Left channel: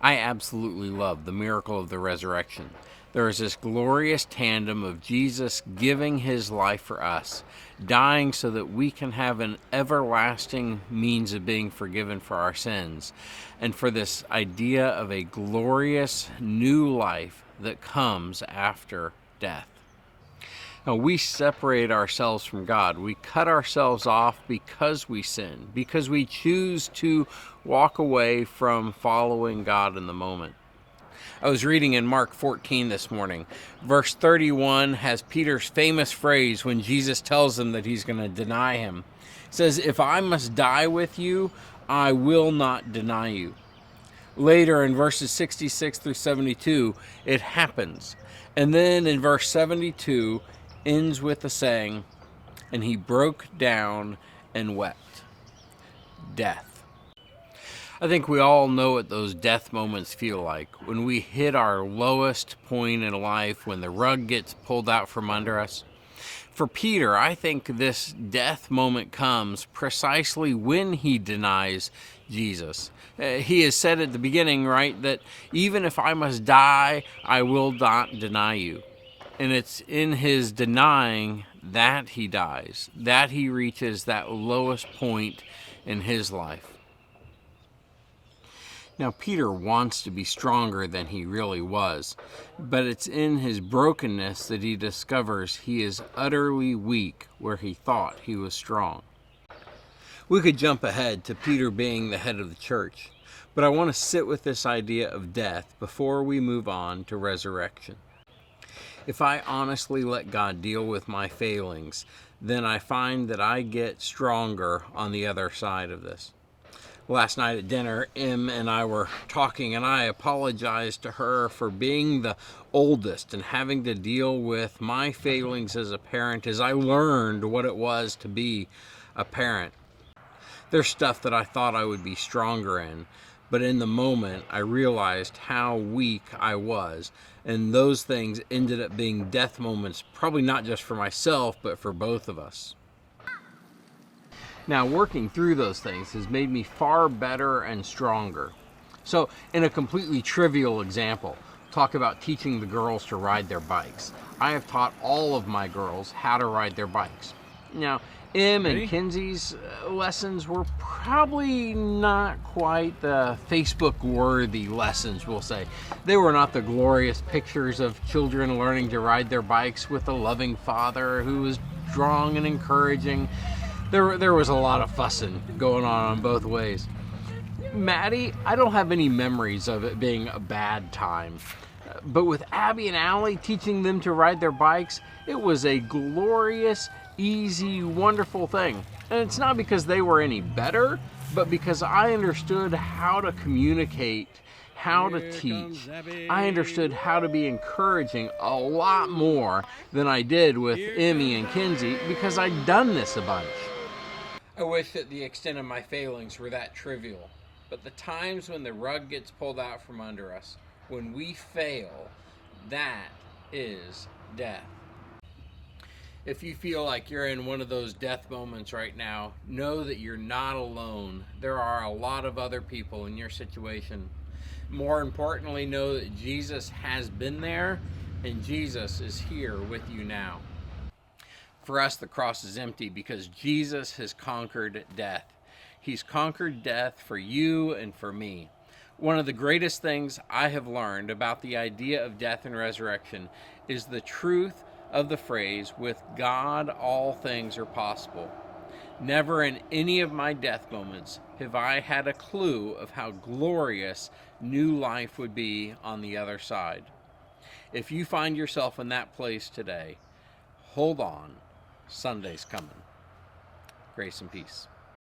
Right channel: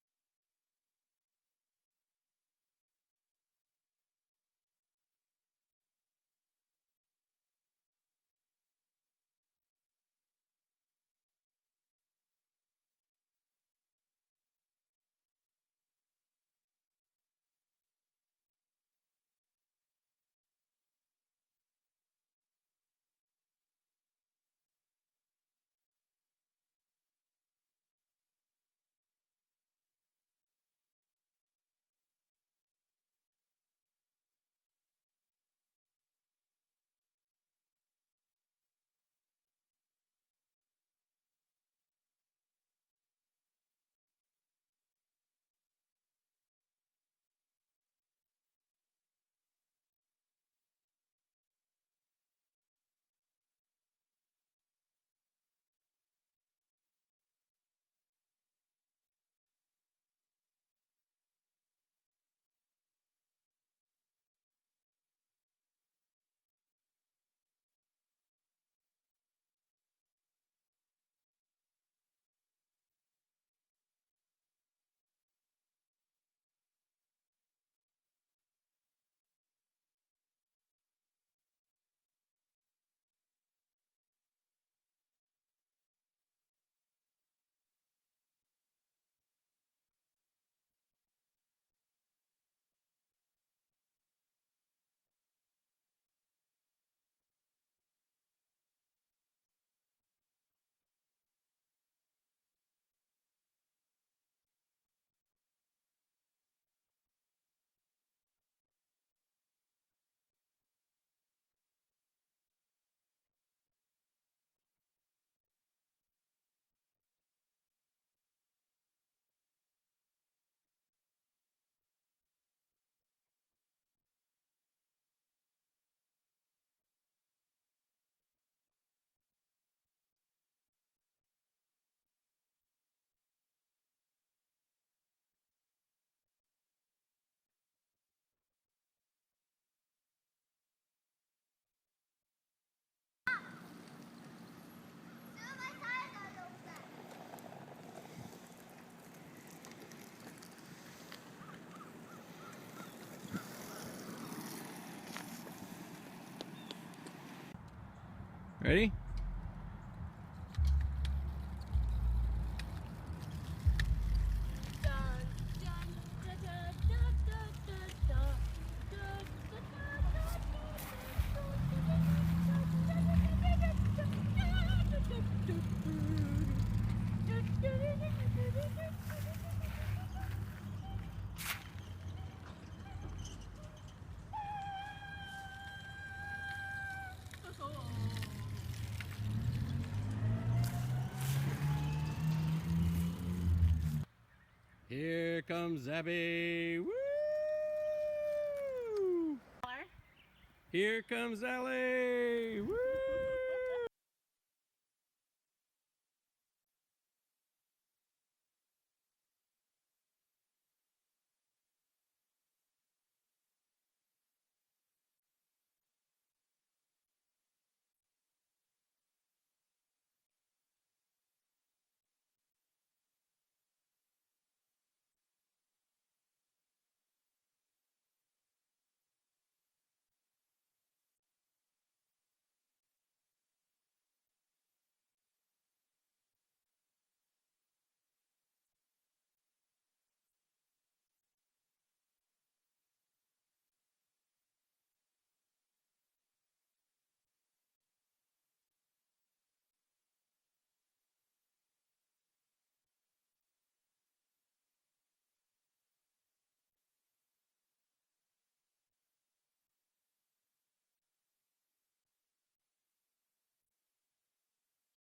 I absolutely love the miracle of the resurrection. There is this glorious tandem of Jesus giving his life for us, dying so that we can have an everlasting means of being forgiven for our sins, and for this idea of a glorious new life that comes after death. Now, we separate ourselves from God. We cut ourselves off because we sin, because we choose to walk away from following God in the moment. I was reading in Mark 14 this morning. Verse 31 has Peter's famous phrase when Jesus tells him that he's going to deny him. It says, "If I must die with you, I will not deny you." Later in verses 66 through 72, it happens. And then in verse 72, ends with the saying, "And he broke down and wept." Death. I think we all know what those death moments feel like. When we hit our lowest point in life, when the rug gets pulled out from under us. For Peter, I think this death moment comes precisely when he denies Jesus. He has said at the beginning, right, that even if I must die, I will not deny you. And it's in his denying that he dies, that he reaches that lowest point in his life. Now, Peter wants to be stronger than he really was, but it's in his brokenness that he discovers he is utterly weak where he thought he was strong. We could jump ahead to Peter being the head of the church, but I want to sit with this idea of death before we move on to resurrection. If I honestly let God deal with my failings, then I find that I get stronger on the other side of this. Last night at dinner, Em and I were talking, and I apologized to her for being the oldest and having to deal with my failings as a parent as I learned what it was to be a parent. There's stuff that I thought I would be stronger in, but in the moment I realized how weak I was, and those things ended up being death moments, probably not just for myself, but for both of us. Now, working through those things has made me far better and stronger. So, in a completely trivial example, talk about teaching the girls to ride their bikes. I have taught all of my girls how to ride their bikes. Now, Em and Kinsey's lessons were probably not quite the Facebook-worthy lessons, we'll say. They were not the glorious pictures of children learning to ride their bikes with a loving father who was strong and encouraging. There was a lot of fussing going on both ways. Maddie, I don't have any memories of it being a bad time. But with Abby and Allie teaching them to ride their bikes, it was a glorious, easy, wonderful thing. And it's not because they were any better, but because I understood how to communicate, how to teach. I understood how to be encouraging a lot more than I did with Emmy and Kinsey because I'd done this a bunch. I wish that the extent of my failings were that trivial, but the times when the rug gets pulled out from under us, when we fail, that is death. If you feel like you're in one of those death moments right now, know that you're not alone. There are a lot of other people in your situation. More importantly, know that Jesus has been there and Jesus is here with you now. For us, the cross is empty because Jesus has conquered death. He's conquered death for you and for me. One of the greatest things I have learned about the idea of death and resurrection is the truth of the phrase, "With God, all things are possible." Never in any of my death moments have I had a clue of how glorious new life would be on the other side. If you find yourself in that place today, hold on. Sunday's coming. Grace and peace.